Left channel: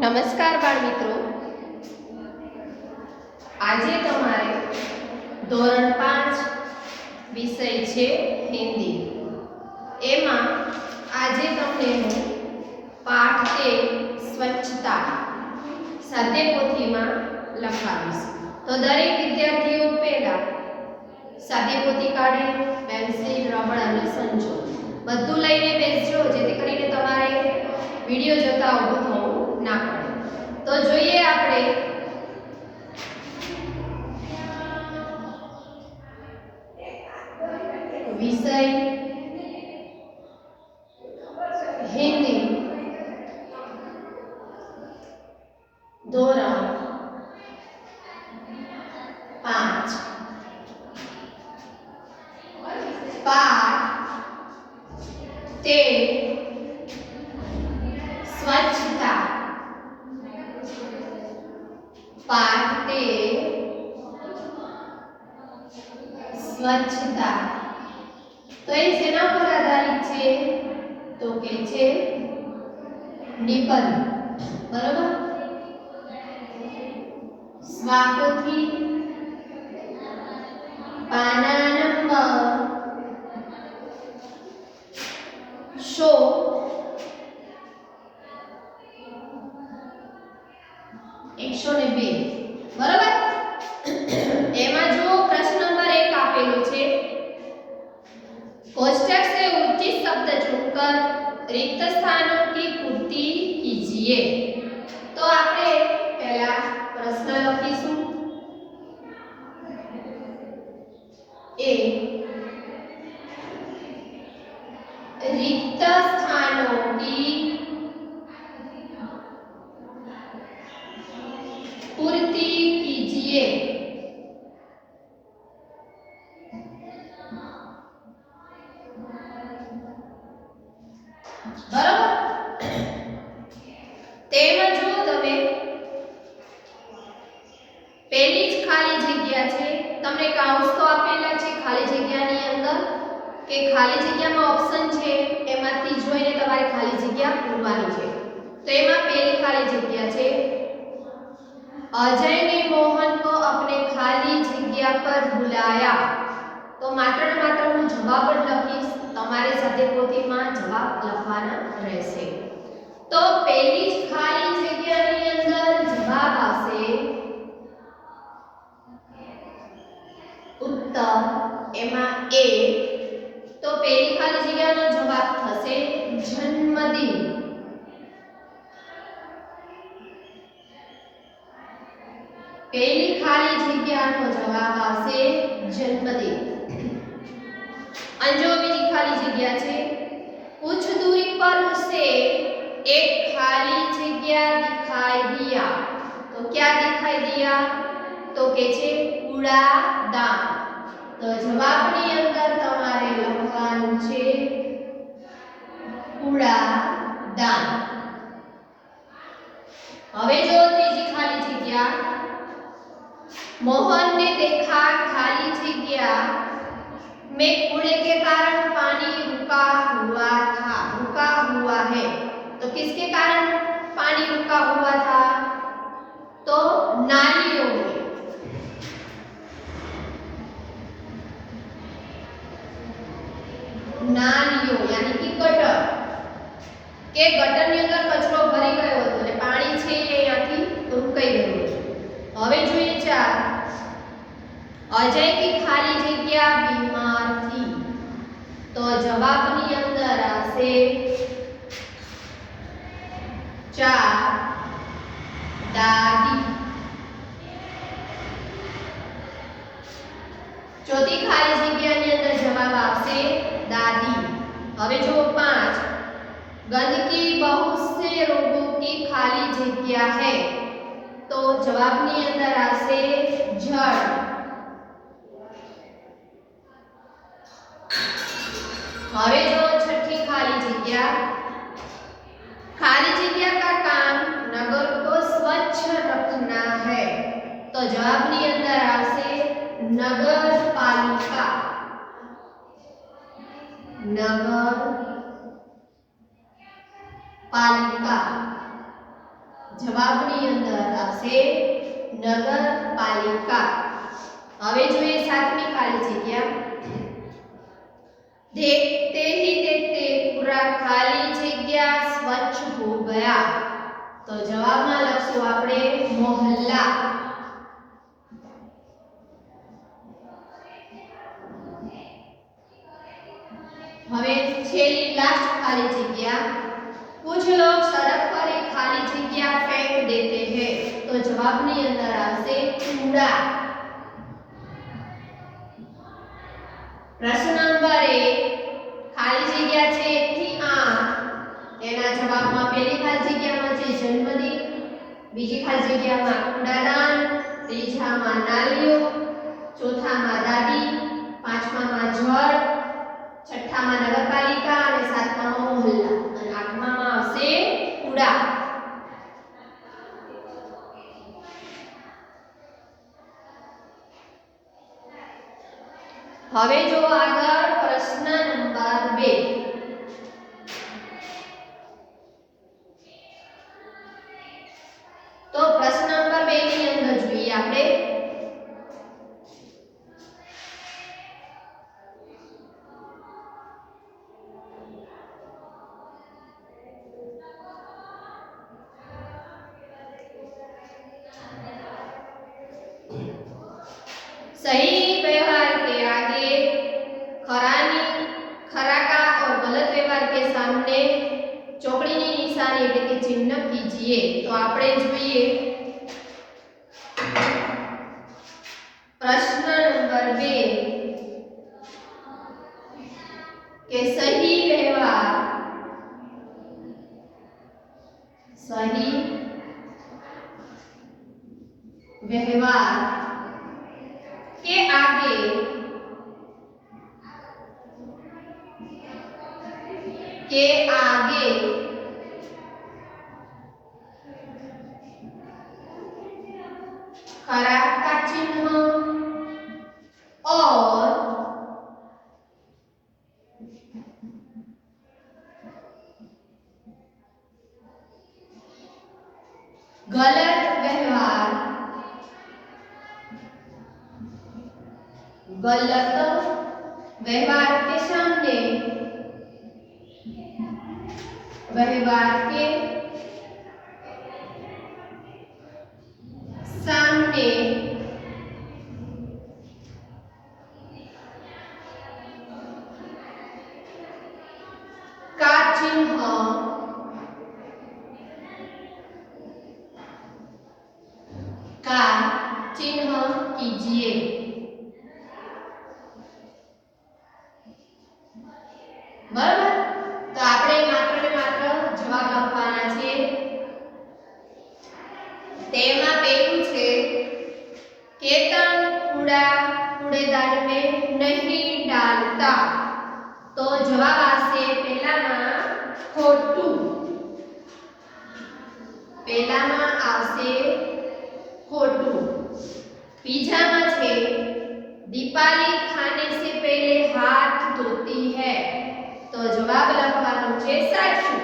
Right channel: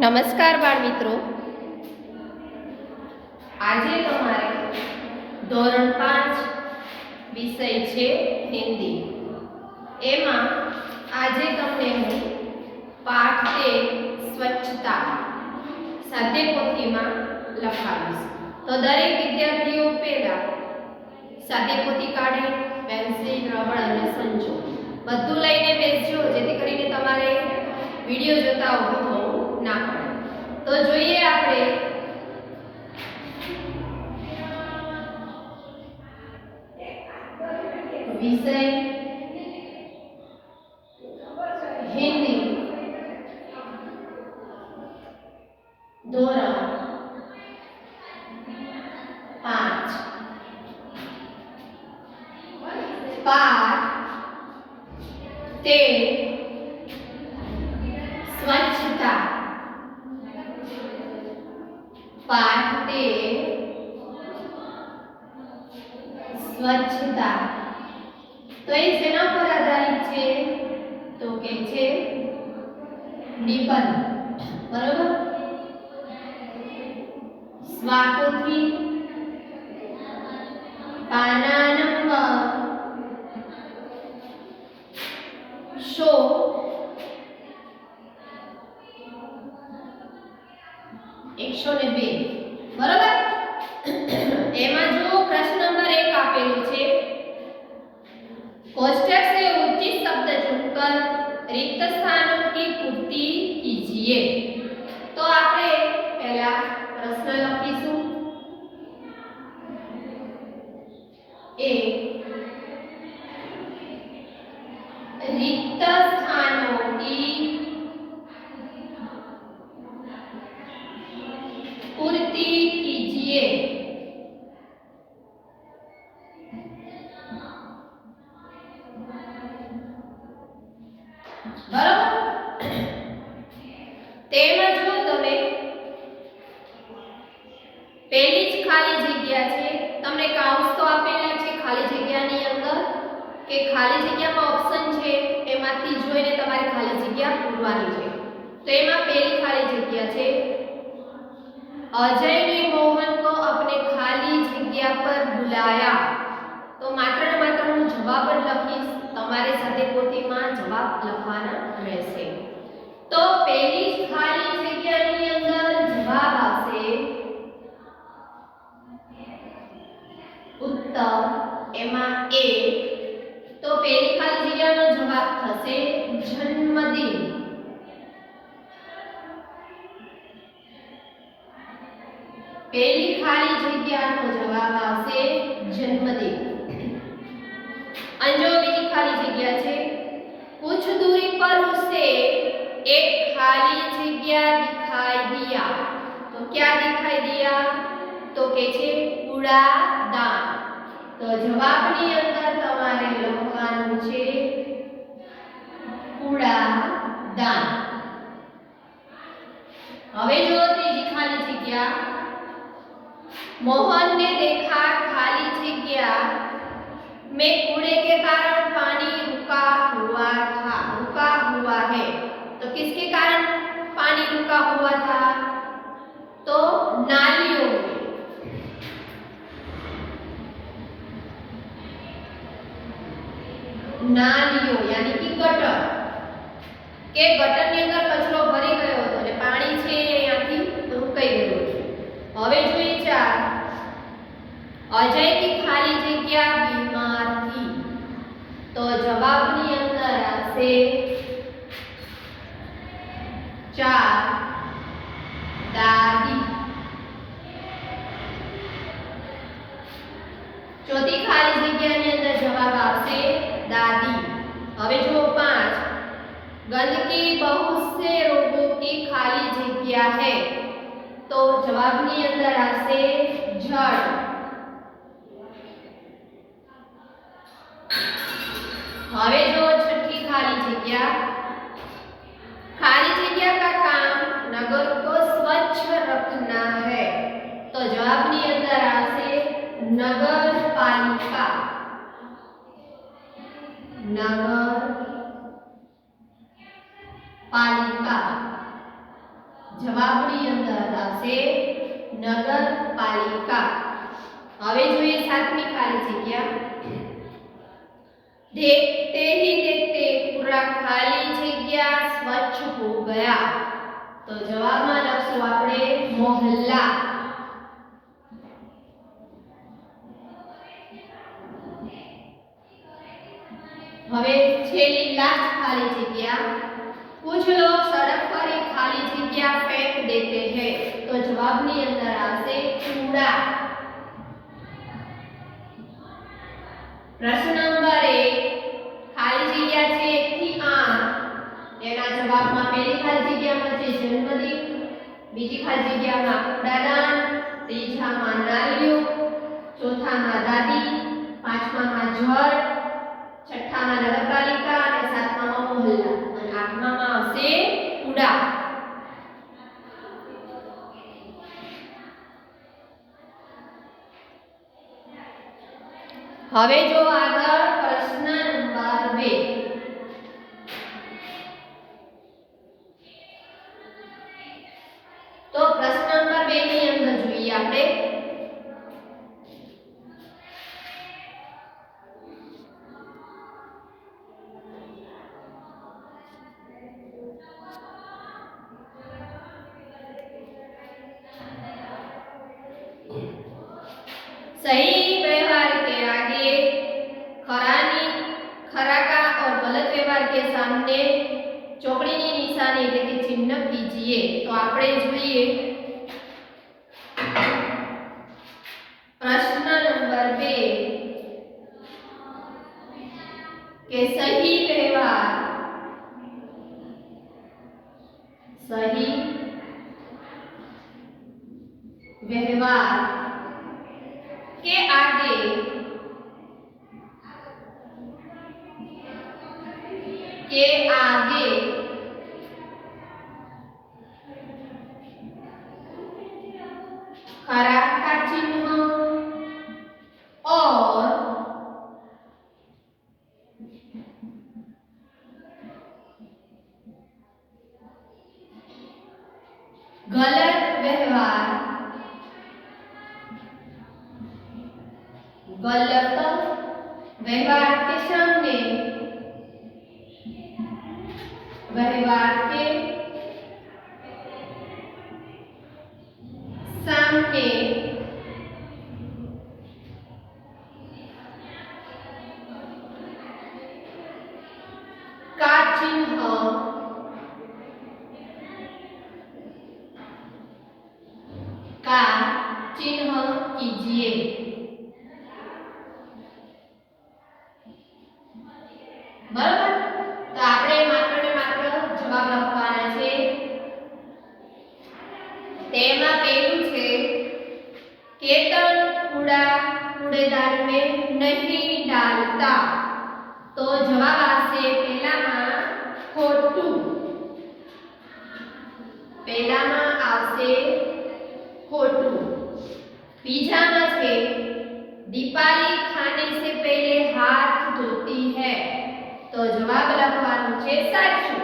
નમસ્કાર બાળ મિત્રો, આજે તમારે ધોરણ 5 વિષય છે હિન્દી. એમાં આજે તમને હું પાઠ 13 સ્વચ્છતા સાદ્યપોથીમાં લખાવીશ. તો દરેક વિદ્યાર્થીઓ પહેલા સાદ્યપોથી કાઢે, પેન્સિલ, રબર અને સંચો બધું લઈને બેસજો, જેથી કરીને તમારે વિડિયો જોતા ઊભું થવું ના પડે. તો જોઈએ આપણે વિષય હિન્દી ધોરણ 5 પાઠ 13 સ્વચ્છતા. પાઠ 13 સ્વચ્છતા. તો એ શેના પર આધારિત છે? તો કે છે નિબંધ. બરોબર? સ્વાપોથી પાના નંબર 102. બરોબર? એમાં જો પ્રશ્ન નંબર 1 આપેલું છે, कोष्ठक से उचित शब्द चुनकर रिक्त स्थानों की पूर्ति कीजिए. तो આપણે પહેલા પ્રશ્ન લખીશું. એ रिक्त स्थानों की पूर्ति कीजिए. બરાબર? તેમાં જો તમે પહેલી જ ખાલી જગ્યા છે, તમને કાઉન્સ તો આપેલા છે ખાલી જગ્યાની અંદર કે ખાલી જગ્યામાં ઓપ્શન છે, એમાંથી જોઈને તમારે ખાલી જગ્યા પૂરવાની છે. તો એમાં પહેલી ખાલી જગ્યા છે, अजय ने मोहन को अपने खाली जगह पर बुलाया. तो मात्र ने मात्र હું જવાબ જ લખીશ, તમારે સાદ્યપોથીમાં જવાબ લખવાના રહેશે. તો પહેલી જ ખાલી જગ્યાની અંદર જવાબ આવશે ઉત્તર, એમાં એ. તો પહેલી ખાલી જગ્યાનો જવાબ થશે જન્મદિન. પહેલી ખાલી જગ્યાનો જવાબ આવશે જન્મદિન. અને જો બીજી ખાલી જગ્યા છે, कुछ दूरी पर उसे एक खाली जगह दिखाई दिया. तो क्या दिखाई दिया? तो કે છે કૂડાદાન. તો જવાબની અંદર તમારે લખવાનું છે કૂડાદાન. હવે જો ત્રીજી ખાલી જગ્યા, मोहन ने देखा खाली जगह में कूड़े के कारण पानी रुका हुआ है. तो किसके कारण पानी रुका हुआ था? तो नालियों में. नालियों यानी कि गटर, કે ગટરની અંદર કચરો ભરી ગયો હતો એટલે પાણી છે અહીંયાથી રોકાઈ ગયું છે. હવે જોઈએ 4, अजय की खाली जगह बीमार थी. तो जवाबनी अंदर આવશે 4 दादी. ચોથી ખાલી જગ્યાની અંદર જવાબ આવશે દાદી. હવે જો 5, गंदगी बहुत से रोगों की खाली जगह है. तो जवाबनी अंदर આવશે जड़. હવે જો छठी खाली जगह, खाली जगह का काम नगर को स्वच्छ रखना है. तो जवाबनी अंदर આવશે नगर पालिका. नगर पालिका. જવાબની અંદર આવશે નગરપાલિકા. હવે જોઈએ સાતમી ખાલી જગ્યા. देखते ही देखते पूरा खाली जगह स्वच्छ हो गया. तो जवाब में लखशु आपणे मोहल्ला. हवे छेली लास्ट खाली जगह. कुछ लोग सड़क पर एक खाली जगह फेंक देते हैं. तो जवाब ની અંદર આવશે કૂड़ा. प्रश्न नंबर 1 खाली जग्या छे 1 થી 8 એના જવાબમાં પહેલી ખાલી જગ્યામાં છે જન્મદિન, બીજી ખાલી જગ્યામાં કૂડાદાન, ત્રીજામાં નાલીઓ, ચોથામાં દાદી, પાંચમામાં જળ, છઠ્ઠામાં નગરપાલિકા અને સાતમામાં મોહલ્લા અને આઠમામાં આવશે કૂડા. હવે જો આગળ પ્રશ્ન નંબર 2. તો પ્રશ્ન નંબર 2 ની અંદર જોઈએ આપણે सही व्यवहार के आगे खरा का और गलत व्यवहार के सामने चौकड़ी की निशानी એટલે કે ચિહ્ન कीजिए. तो આપણે જોઈએ प्रश्न नंबर 2 के सही व्यवहार के आगे खरा का चिन्ह और गलत व्यवहार के सामने का चिन्ह कीजिए. बराबर. तो આપણે માત્ર ને માત્ર જવાબ લખવાના છે. તેમાં પહેલું છે केतन कूड़ेदान में नहीं डालता. तो जवाब આવશે પહેલામાં ખોટું. બીજામાં છે दीपाली खाने से पहले हाथ धोती है. तो जवाब લખવાનું છે સાચું.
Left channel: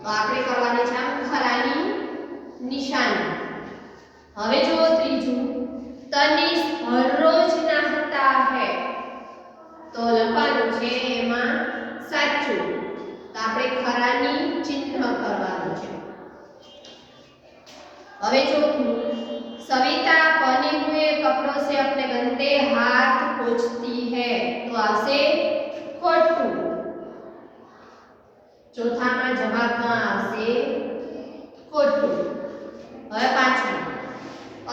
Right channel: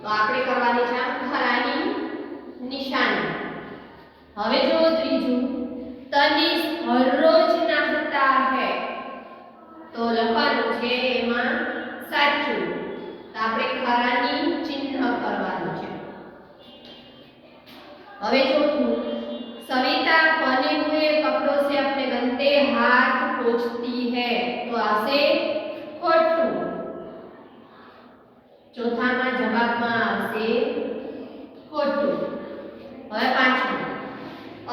તો આપણે કરવાની છે ખરાની નિશાની. હવે જો ત્રીજું તનિષ હર રોજ નહાતા है. તો લખવાનું છે એમાં સાચું. તો આપણે ખરાની ચિહ્ન કરવાનું છે. હવે ચોથું सविता बने हुए कपड़ों से अपने गंदे हाथ पोंछती है. तो આવશે ખોટું. ચોથામાં જવાબમાં આવશે ખોટું. હવે પાંચમું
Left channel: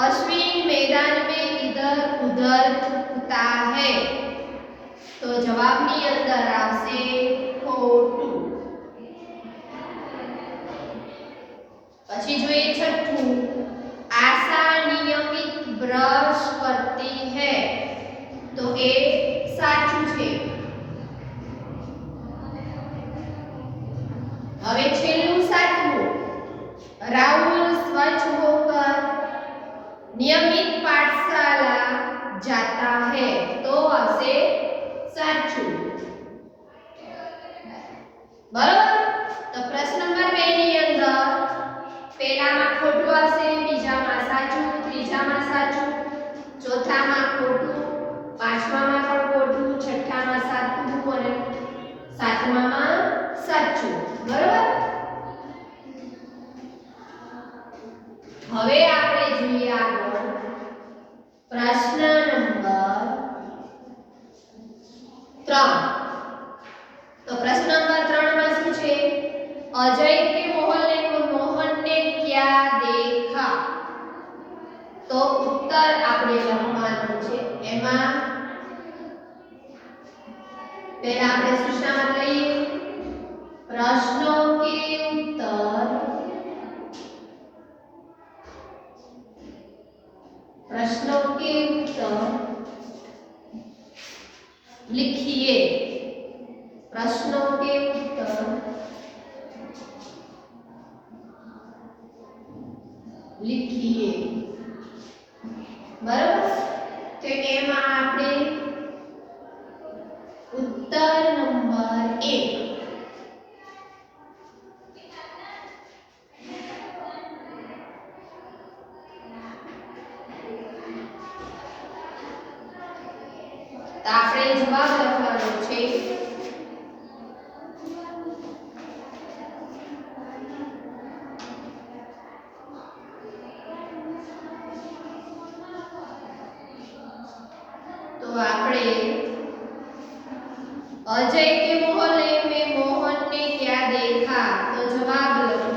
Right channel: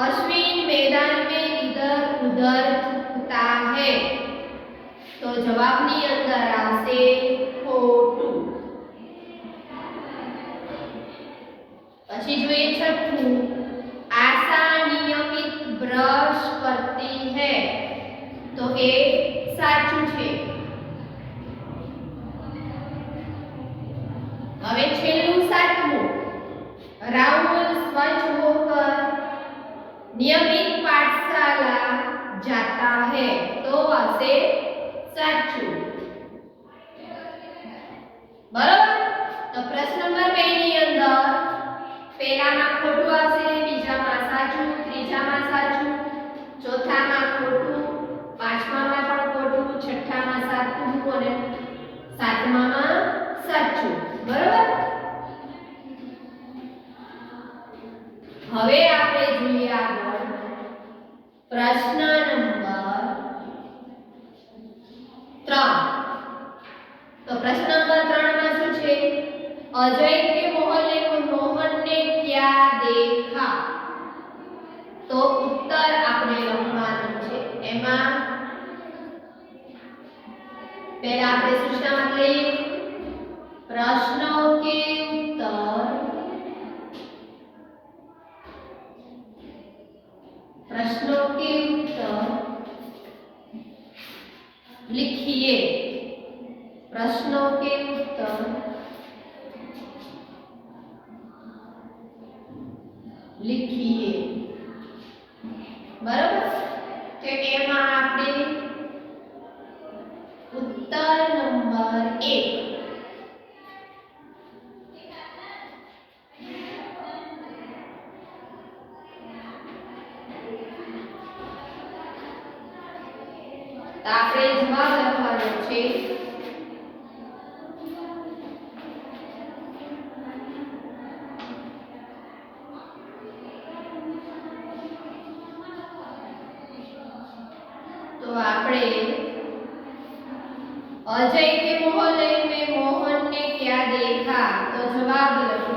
अश्विन मैदान में इधर उधर थूकता है. तो જવાબની અંદર આવશે ખોટું. પછી જોઈએ છઠ્ઠું आशा नियमित ब्रश करती है. तो ए साचું છે. હવે છેલ્લું સાતમું राहुल स्वच्छ होकर नियमित पाठशाला जाता है. तो આવશે સાચું. बराबर. तो प्रश्न नंबर 2 ની પહેલામાં ખોટું આવશે, બીજામાં સાચું, ત્રીજામાં સાચું, ચોથામાં ખોટું, પાંચમામાં પણ ખોટું, છઠ્ઠામાં સાચું અને સાતમામાં સાચું. બરોબર? હવે આપણે જોઈએ આગળ પ્રશ્ન નંબર 3. તો પ્રશ્ન નંબર 3 માં શું છે? अजय के मोहन ने क्या देखा? तो उत्तर આપણે લખવાનું છે. એમાં પહેલા આપણે સૂચનામાં લઈએ प्रश्नों के उत्तर लिखिए. प्रश्नों के उत्तर लिखिए. बराबर? तो एમાં આપણે उत्तर नंबर 1 તો આપણે જવાબ લખવાનો છે. तो આપણે अजय के मोहल्ले में मोहन ने क्या देखा? तो जवाब लखो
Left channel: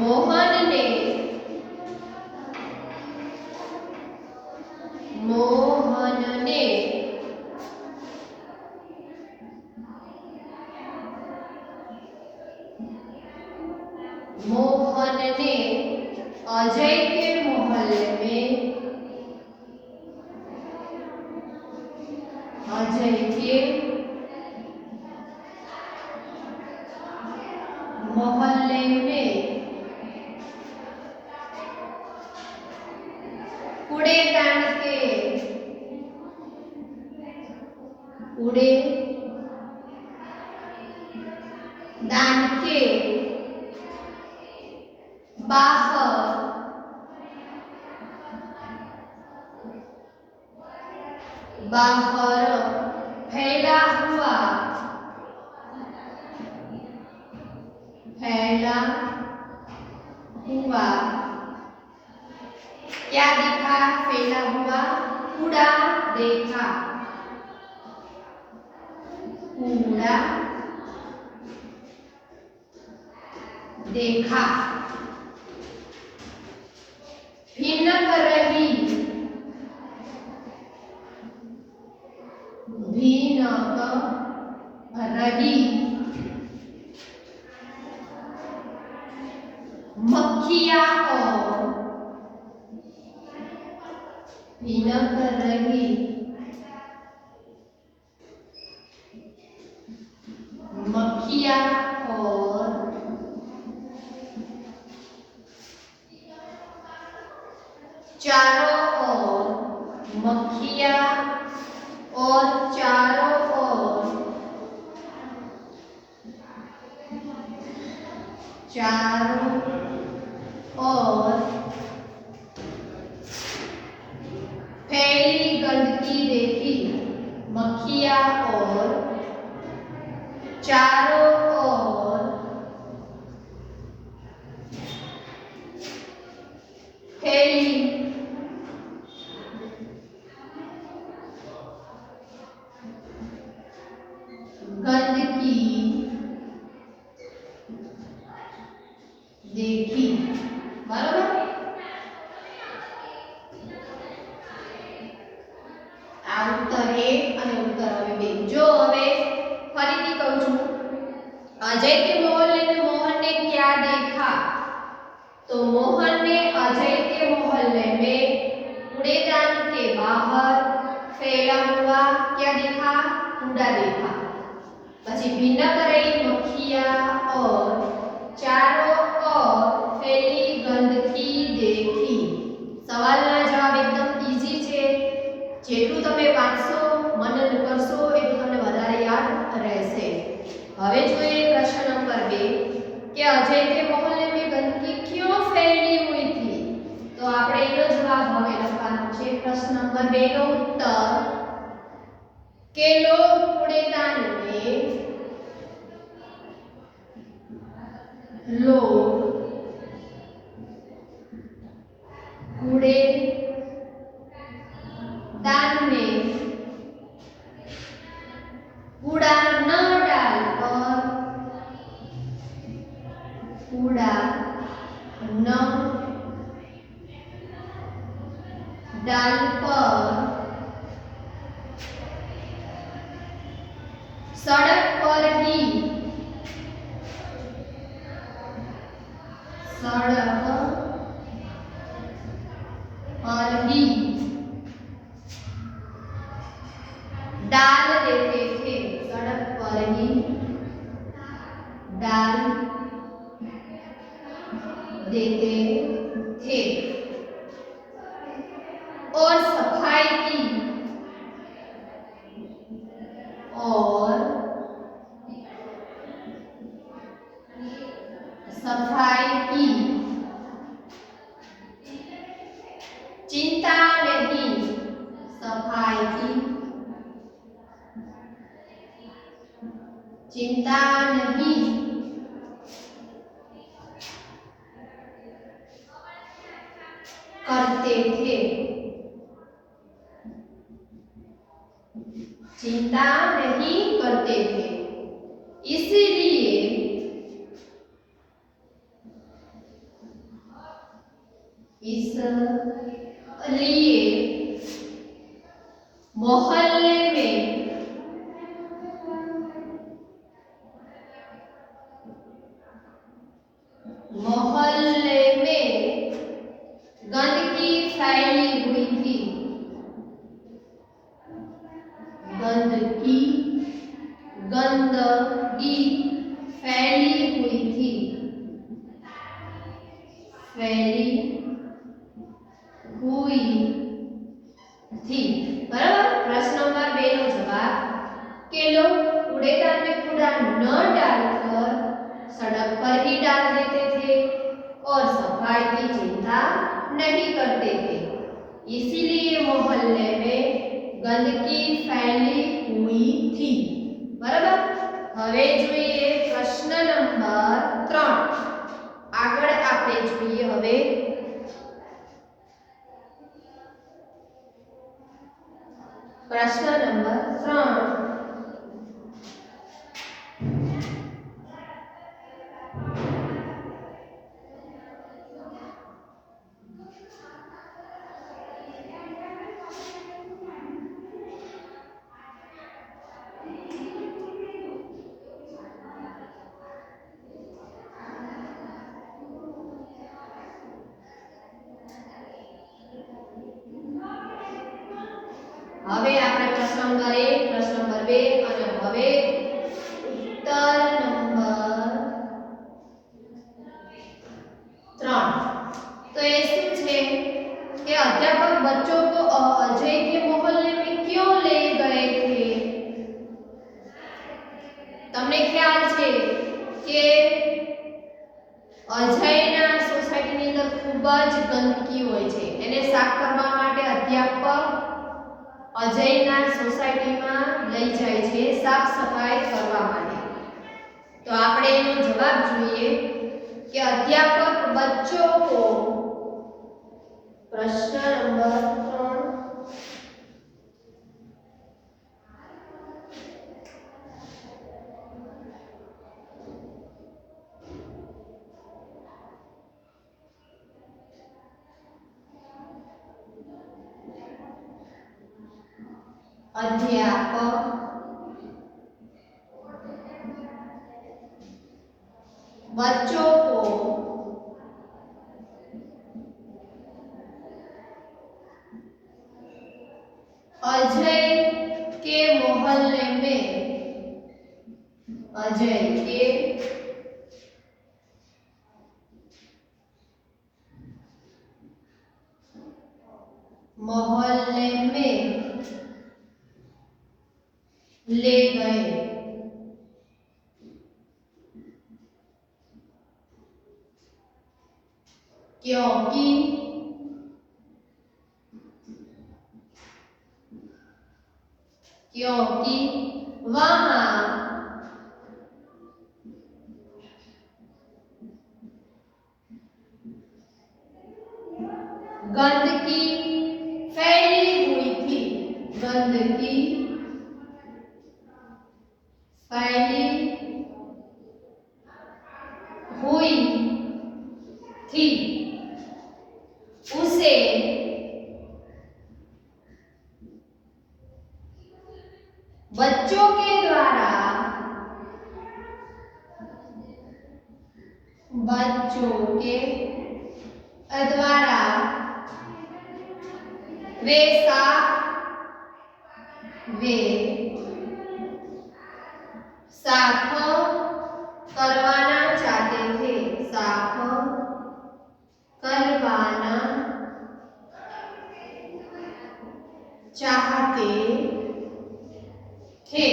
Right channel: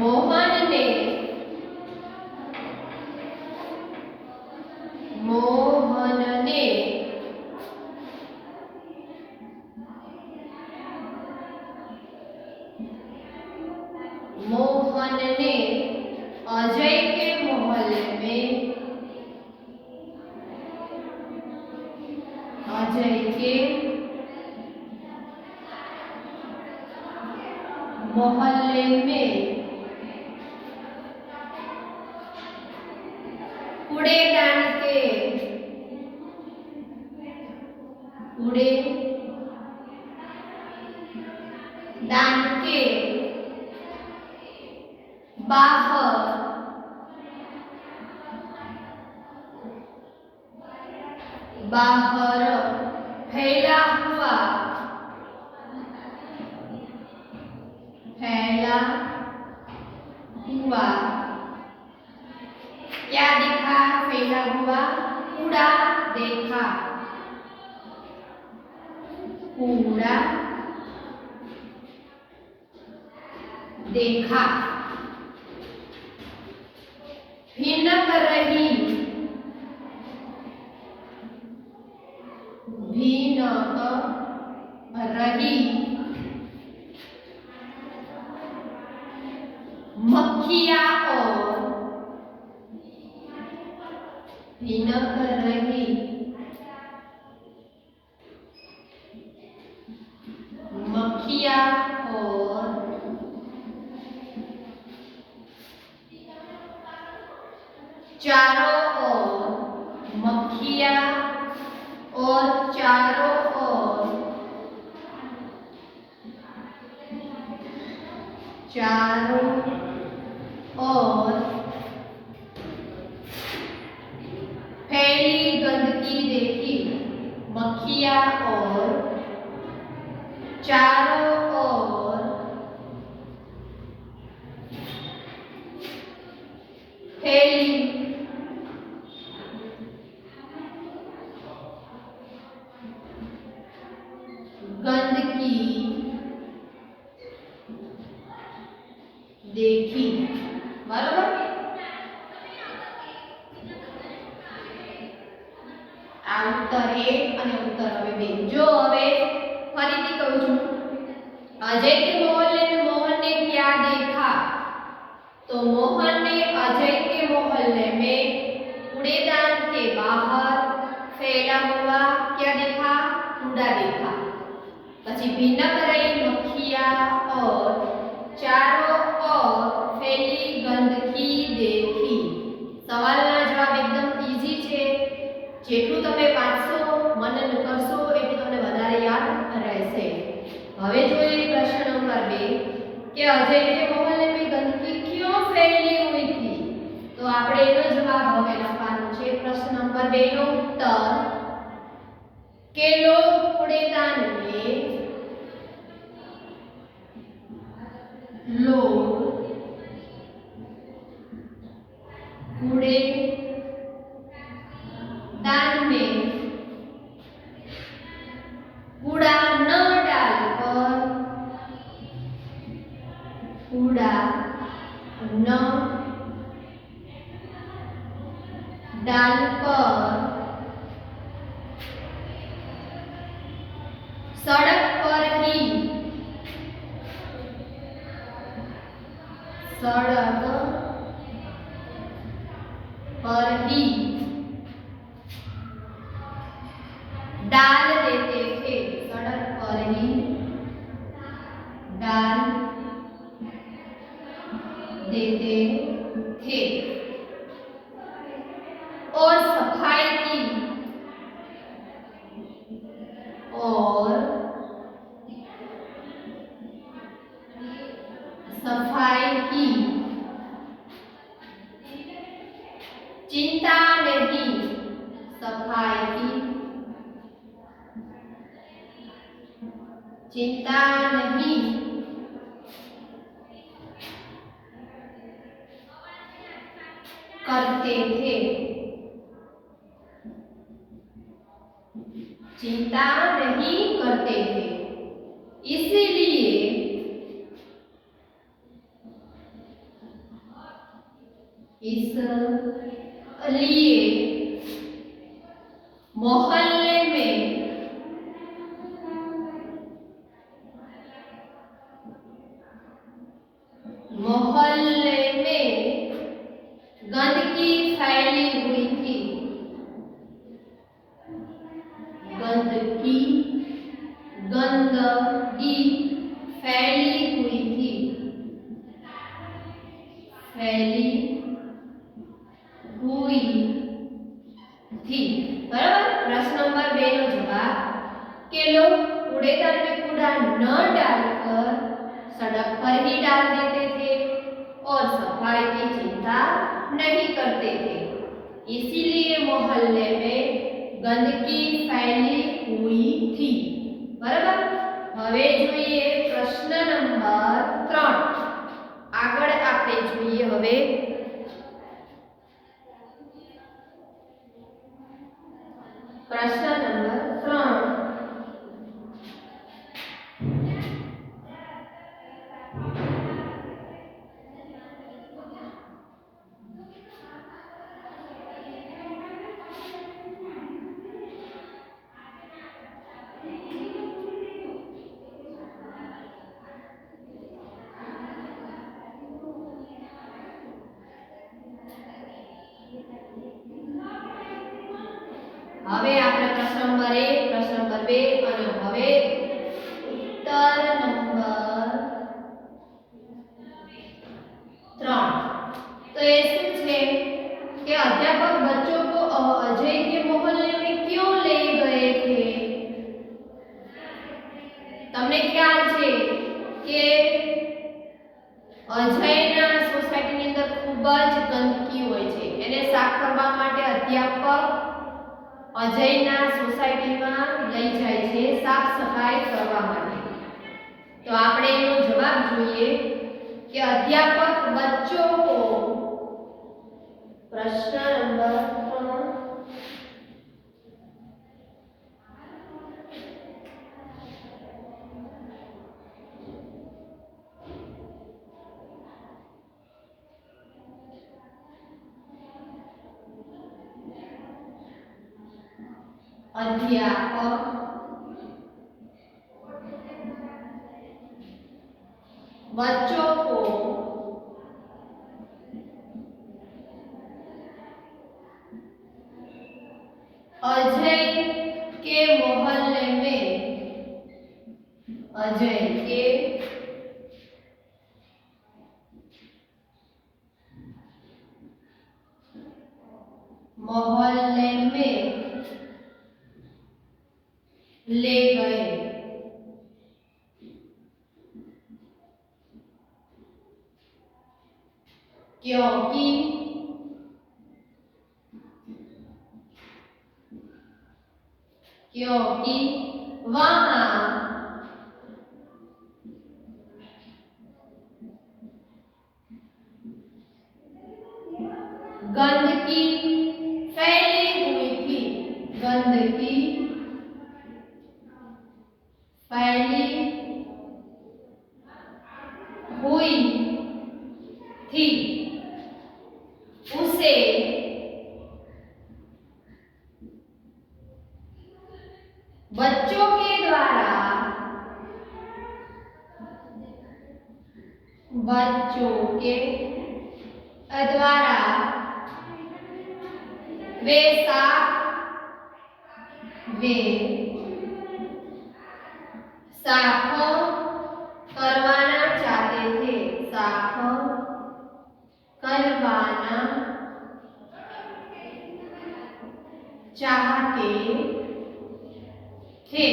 मोहन ने अजय के मोहल्ले में कूड़ेदान के बाहर फैला हुआ क्या देखा? फैला हुआ कूड़ा देखा. कूड़ा देखा. भिनक रही मक्खियाँ और भिनक रही मक्खियाँ और चारों ओर मक्खियाँ और चारों ओर फैली गंदगी देखी. मक्खियाँ और चारों ओर फैली गंदगी देखी. बराबर? आ उत्तर 1 અને उत्तर હવે 2. જો હવે ફરીથી કહું છું अजय के मोहल्ले में मोहन ने क्या देखा? तो मोहन ने अजय के मोहल्ले में कूड़ेदान के बाहर फैला हुआ क्या देखा? कूड़ा देखा. પછી भिनक रही मक्खियाँ और चारों ओर फैली गंदगी देखी. સવાલના જવાબ એકદમ ઈઝી છે. જેટલું તમે વાંચશો મનન કરશો એટલું તમને વધારે યાદ રહેશે. હવે જોઈએ પ્રશ્ન નંબર अजय के मोहल्ले में गंदगी क्यों फैली हुई थी? तो આપણે એનો જવાબ હવે લખવાનો છે. પ્રશ્ન નંબર 2 નો ઉત્તર કે લોગ કૂड़ेदान में लोग कूड़ेदान में कूड़ा न डालकर कूड़ा न डालकर सड़क पर ही डाल देते थे. सड़क पर ही डाल देते थे और सफाई की चिंता नहीं. सफाई की चिंता नहीं करते थे. चिंता नहीं करते थे. इसलिए मोहल्ले में गंदगी फैली हुई थी. गंदगी फैली हुई थी. बराबर. प्रश्न नंबर 2 નો જવાબ કે लोग कूड़ेदान में कूड़ा न डालकर सड़क पर ही डाल देते थे और सफाई की चिंता नहीं करते थे. इसीलिए मोहल्ले में गंदगी फैली हुई थी. बराबर. હવે જોઈએ પ્રશ્ન નંબર 3. આગળ આપણે જોઈએ હવે प्रश्न नंबर 3. હવે આપણે પ્રશ્ન નંબર 1, પ્રશ્ન નંબર 2 અને હવે ઉત્તર નંબર 3. तो ये શું છે કે अध्यापक बच्चों को अजय के मोहल्ले में क्यों ले गए थे? તમને ખ્યાલ છે કે અજયના સોસાયટીની અંદર ખૂબ જ ગંદકી હોય છે. એને સાફ કરવા માટે અધ્યાપક अजयना सोसायटी में लई जाए छे साफ सफाई करवा माटे. तो आपणे एनो जवाब जोईए कि अध्यापक बच्चों को प्रश्न नंबर 3 अध्यापक बच्चों को अजय के मोहल्ले में ले गए. क्योंकि, क्योंकि वहां गंदगी फैली हुई थी, गंदगी फैली हुई थी, उसे बच्चों के द्वारा वे साफ करवाना चाहते थे, साफ करवाना चाहते थे।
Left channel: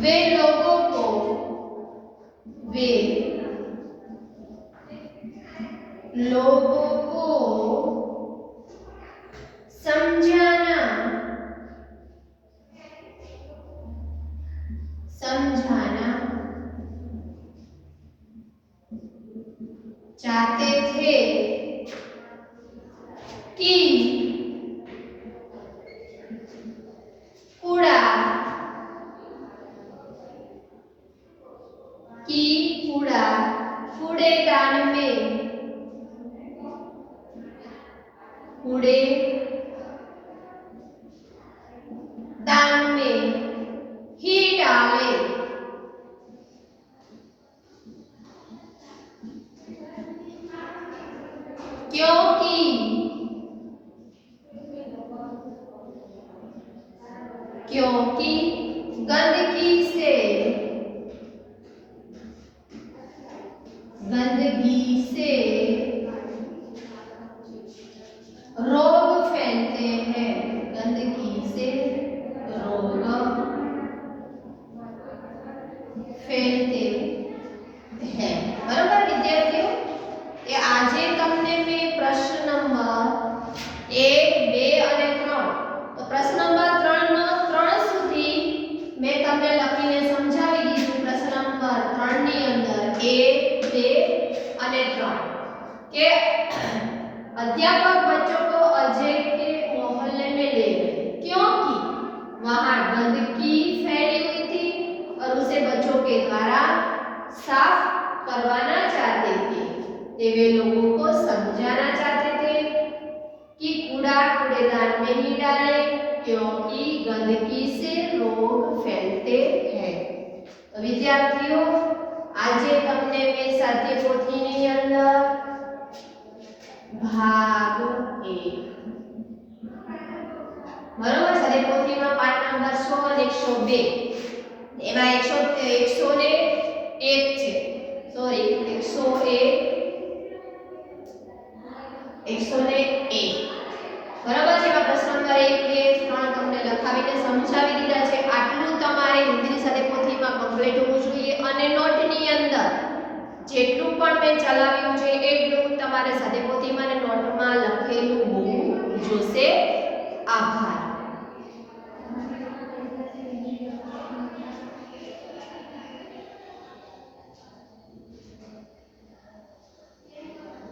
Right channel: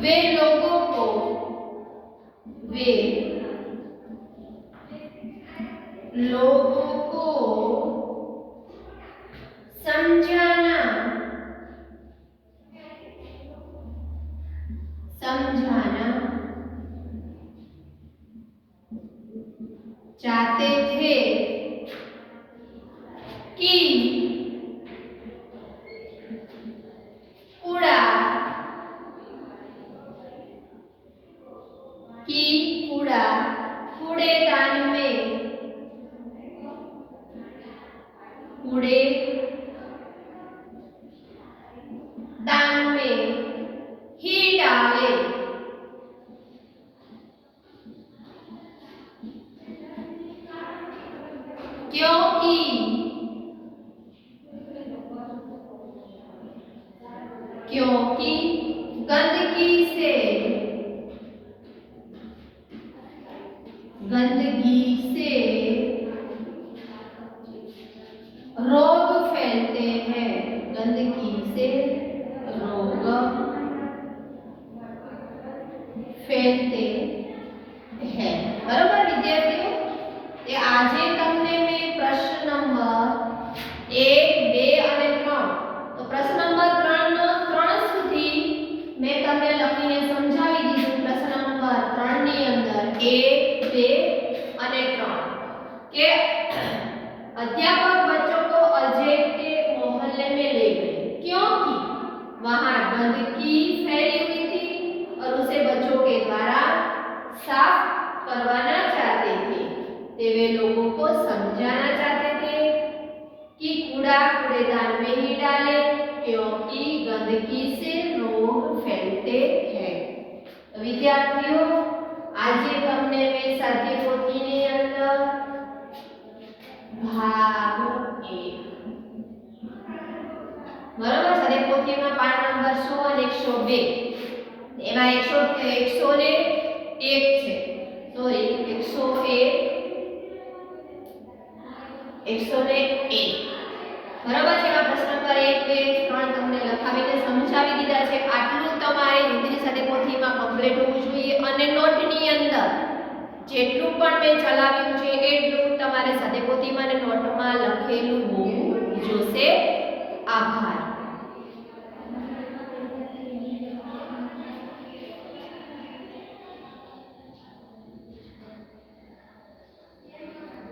वे लोगों को समझाना चाहते थे कि कूड़ेदान में ही डाले, क्योंकि गंदगी से रोग फैलते हैं, गंदगी से रोग फैलते हैं। बराबर विद्यार्थियों, ये આજે તમને મેં પ્રશ્ન નંબર 1, 2 અને 3 તો પ્રશ્ન નંબર 3 સુધી મેં તમને લખીને સમજાવી દીધું। પ્રશ્ન નંબર 3 ની અંદર 1, 2 અને 3 કે अध्यापक बच्चों को अजय के मोहल्ले में ले गए क्योंकि वहां गंदगी फैली हुई थी और उसे बच्चों के द्वारा साफ करवाना चाहते थे। वे लोगों को समझाना चाहते थे कि कूड़ेदान में ही डाले क्योंकि गंदगी से रोग फैलते हैं। तो विद्यार्थियों, आज तमने मैं साध्य पोथीनी अंदर भाग 1 बराबर साध्य पोथी में पाठ नंबर 100 અને 102 एमा 101 છે सॉरी 101 बराबर છે। प्रश्न नंबर 1, 2, 3 તમને લખાવીને સમજાવી દીધા છે। આટલું તમારે હિન્દી સાથે પોથીમાં કમ્પ્લીટ હોવું જોઈએ અને નોટની અંદર જેટલું પણ મેં ચલાવ્યું છે એટલું તમારે સાથે પોથીમાં અને નોટમાં લખેલું હોવું જોશે। આભાર।